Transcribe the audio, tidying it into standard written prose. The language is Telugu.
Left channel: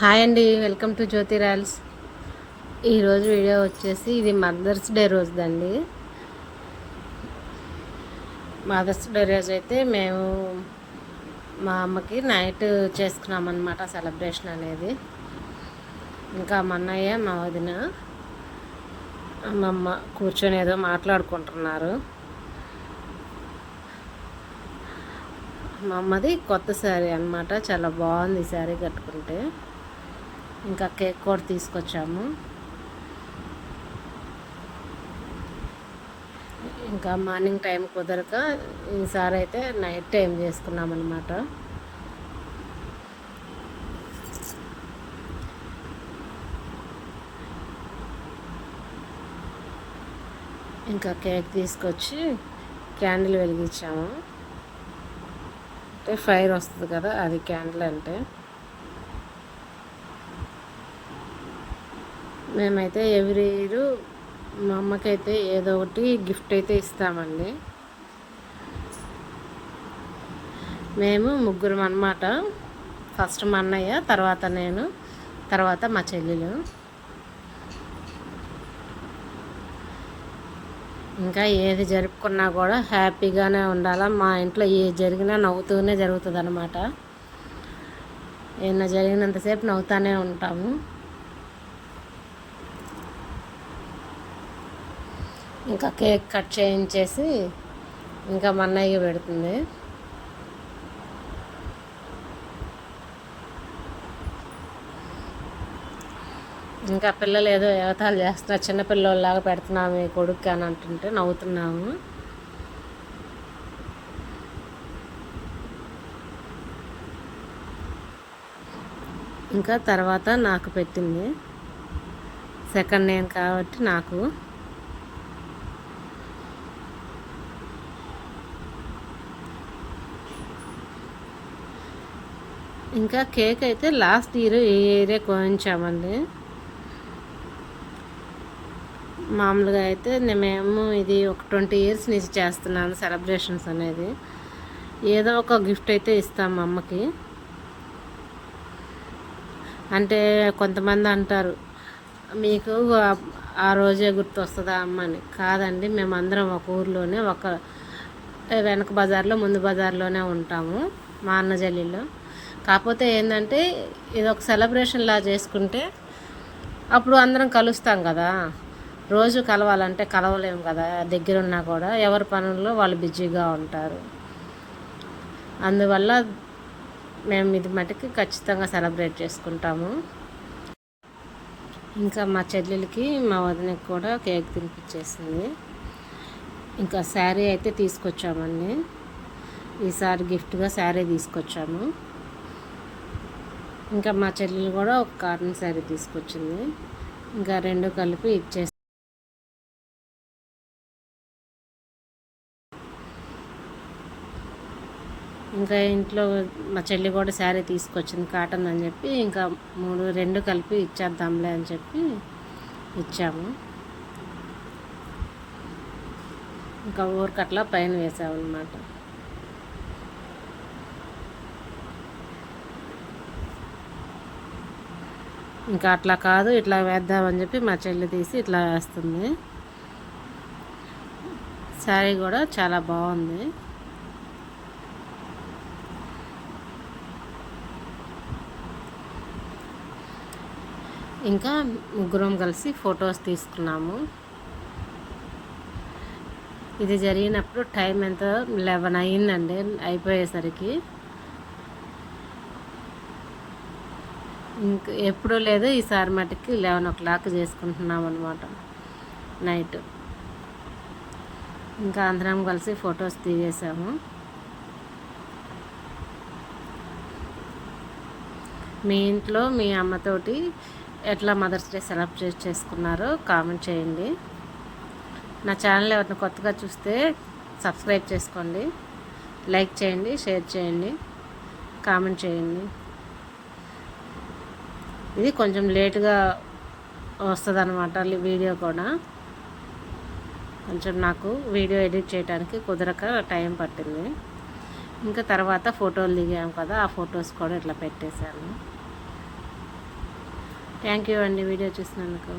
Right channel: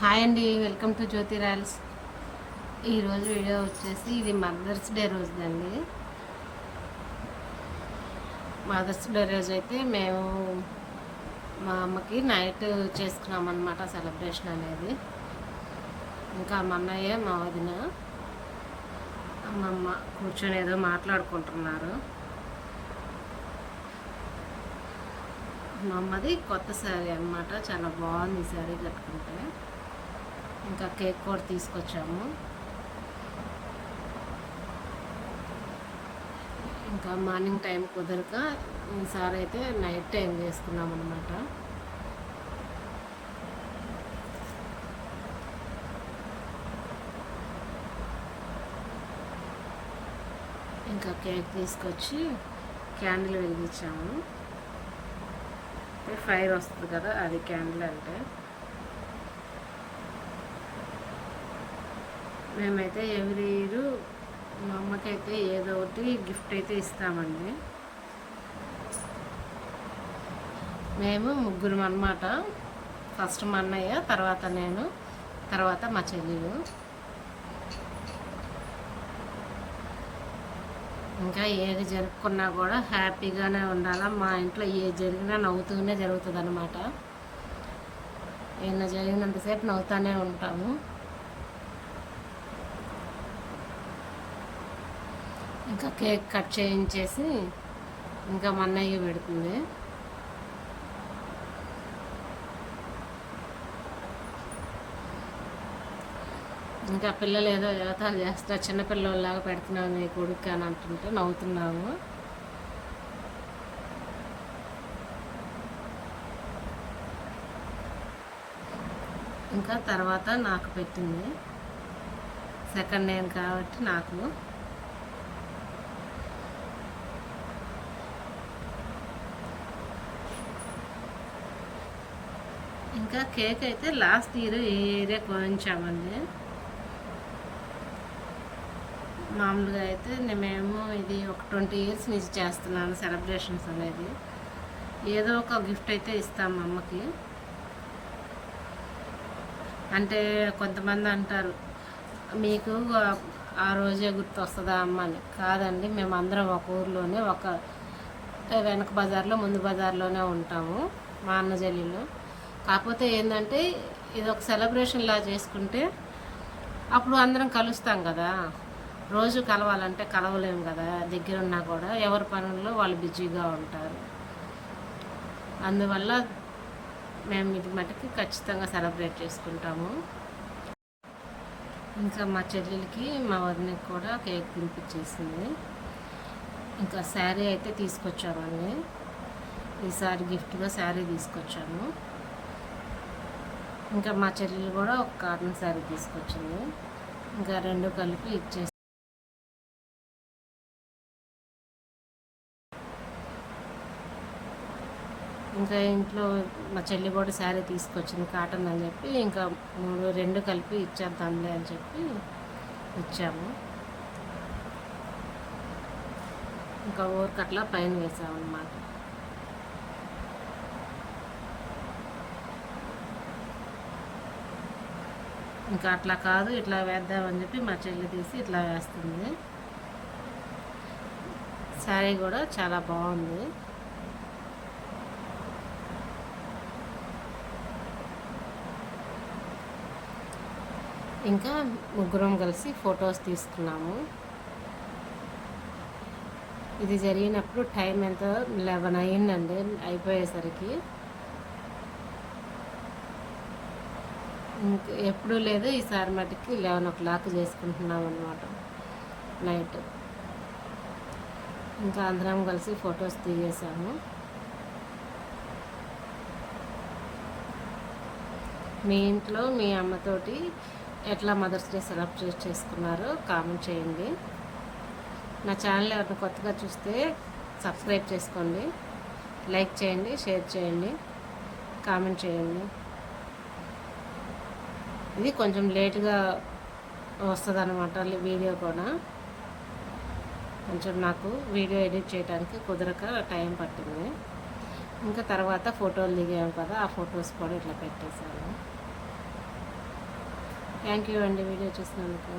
హాయ్ అండి, వెల్కమ్ టు జ్యోతి రాయల్స్. ఈరోజు వీడియో వచ్చేసి ఇది మదర్స్ డే రోజుదండి. మదర్స్ డే రోజు అయితే మేము మా అమ్మకి నైట్ చేసుకున్నామన్నమాట సెలబ్రేషన్ అనేది. ఇంకా మా అన్నయ్య మా వదిన మా అమ్మ కూర్చొని ఏదో మాట్లాడుకుంటున్నారు. మా అమ్మది కొత్త శారీ అన్నమాట, చాలా బాగుంది ఈ శారీ కట్టుకుంటే. ఇంకా కేక్ కూడా తీసుకొచ్చాము. ఇంకా మార్నింగ్ టైం కుదరక ఈసారి అయితే నైట్ టైం చేసుకున్నాం అన్నమాట. ఇంకా కేక్ తీసుకొచ్చి క్యాండిల్ వెలిగించాము. అంటే ఫైర్ వస్తుంది కదా, అది క్యాండిల్ అంటే. మేమైతే ఎవ్రీ ఇయర్ మా అమ్మకైతే ఏదో ఒకటి గిఫ్ట్ అయితే ఇస్తామండి. మేము ముగ్గురం అన్నమాట. ఫస్ట్ మా అన్నయ్య, తర్వాత నేను, తర్వాత మా చెల్లెలు. ఇంకా ఏది జరుపుకున్నా కూడా హ్యాపీగానే ఉండాలా. మా ఇంట్లో ఏది జరిగినా నవ్వుతూనే జరుగుతుంది అన్నమాట. ఏమైనా జరిగినంతసేపు నవ్వుతూనే ఉంటాము. ఇంకా కేక్ కట్ చేయించేసి ఇంకా మా అన్నయ్య పెడుతుంది. ఇంకా పిల్లలు ఏదో ఎగతాలు చేస్తున్నారు, చిన్నపిల్లలాగా పెడుతున్నాము మీ కొడుకు అని అంటుంటే నవ్వుతున్నాము. ఇంకా తర్వాత నాకు పెట్టింది, సెకండ్ నేను కాబట్టి నాకు. ఇంకా కేక్ అయితే లాస్ట్ ఇయర్ ఈ ఏరియా కోయించామండి. మామూలుగా అయితే మేము ఇది ఒక 20 years నుంచి చేస్తున్నాను సెలబ్రేషన్స్ అనేది. ఏదో ఒక గిఫ్ట్ అయితే ఇస్తాం మా అమ్మకి. అంటే కొంతమంది అంటారు, మీకు ఆ రోజే గుర్తు వస్తుందా అమ్మ అని. కాదండి, మేమందరం ఒక ఊర్లోనే, ఒక వెనక బజార్లో ముందు బజార్లోనే ఉంటాము, మా అన్న జల్లిలో. కాకపోతే ఏంటంటే ఇది ఒక సెలబ్రేషన్ లా చేసుకుంటే అప్పుడు అందరం కలుస్తాం కదా. రోజు కలవాలంటే కలవలేము కదా, దగ్గరున్నా కూడా ఎవరి పనుల్లో వాళ్ళు బిజీగా ఉంటారు. అందువల్ల మేము ఇది మటుకు ఖచ్చితంగా సెలబ్రేట్ చేసుకుంటాము. ఇంకా మా చెల్లెలకి మా వదినకి కూడా కేక్ తినిపించేసింది. ఇంకా శారీ అయితే తీసుకొచ్చామండి. ఈసారి గిఫ్ట్గా శారీ తీసుకొచ్చాము. ఇంకా మా చెల్లెలు కూడా ఒక కాటన్ శారీ తీసుకొచ్చింది. ఇంకా రెండు కలిపి ఇచ్చేసి ఇంకా ఇంట్లో మా చెల్లి కూడా శారీ తీసుకొచ్చింది కాటన్ అని చెప్పి, ఇంకా రెండు కలిపి ఇచ్చేద్దాంలే అని చెప్పి ఇచ్చాము. ఇంకా ఊరికట్లా పైన వేసామన్నమాట. ఇంకా అట్లా కాదు, ఇట్లా వేద్దామని చెప్పి మా చెల్లి తీసి ఇట్లా వేస్తుంది. శారీ కూడా చాలా బాగుంది. ఇంకా ముగ్గురం కలిసి ఫొటోస్ తీసుకున్నాము. ఇది జరిగినప్పుడు టైం ఎంత 11 అయ్యిందండి అయిపోయేసరికి. ఇంక ఎప్పుడూ లేదు, ఈసారి మటుకి 11 o'clock చేసుకుంటున్నాం అనమాట నైట్. ఇంకా అందరం కలిసి ఫొటోస్ తీసేసాము. మీ ఇంట్లో మీ అమ్మతోటి ఎట్లా మదర్స్ డే సెలబ్రేట్ చేసుకున్నారో కామెంట్ చేయండి. నా ఛానల్ ఎవరిని కొత్తగా చూస్తే సబ్స్క్రైబ్ చేసుకోండి, లైక్ చేయండి, షేర్ చేయండి, కామెంట్ చేయండి. ఇది కొంచెం లేటుగా వస్తుంది అన్నమాట వీడియో కూడా. కొంచెం నాకు వీడియో ఎడిట్ చేయడానికి కుదరక టైం పట్టింది. ఇంకా తర్వాత ఫోటోలు దిగాము కదా, ఆ ఫొటోస్ కూడా ఇట్లా పెట్టేశాను. థ్యాంక్ యూ అండి వీడియో చూసినందుకు.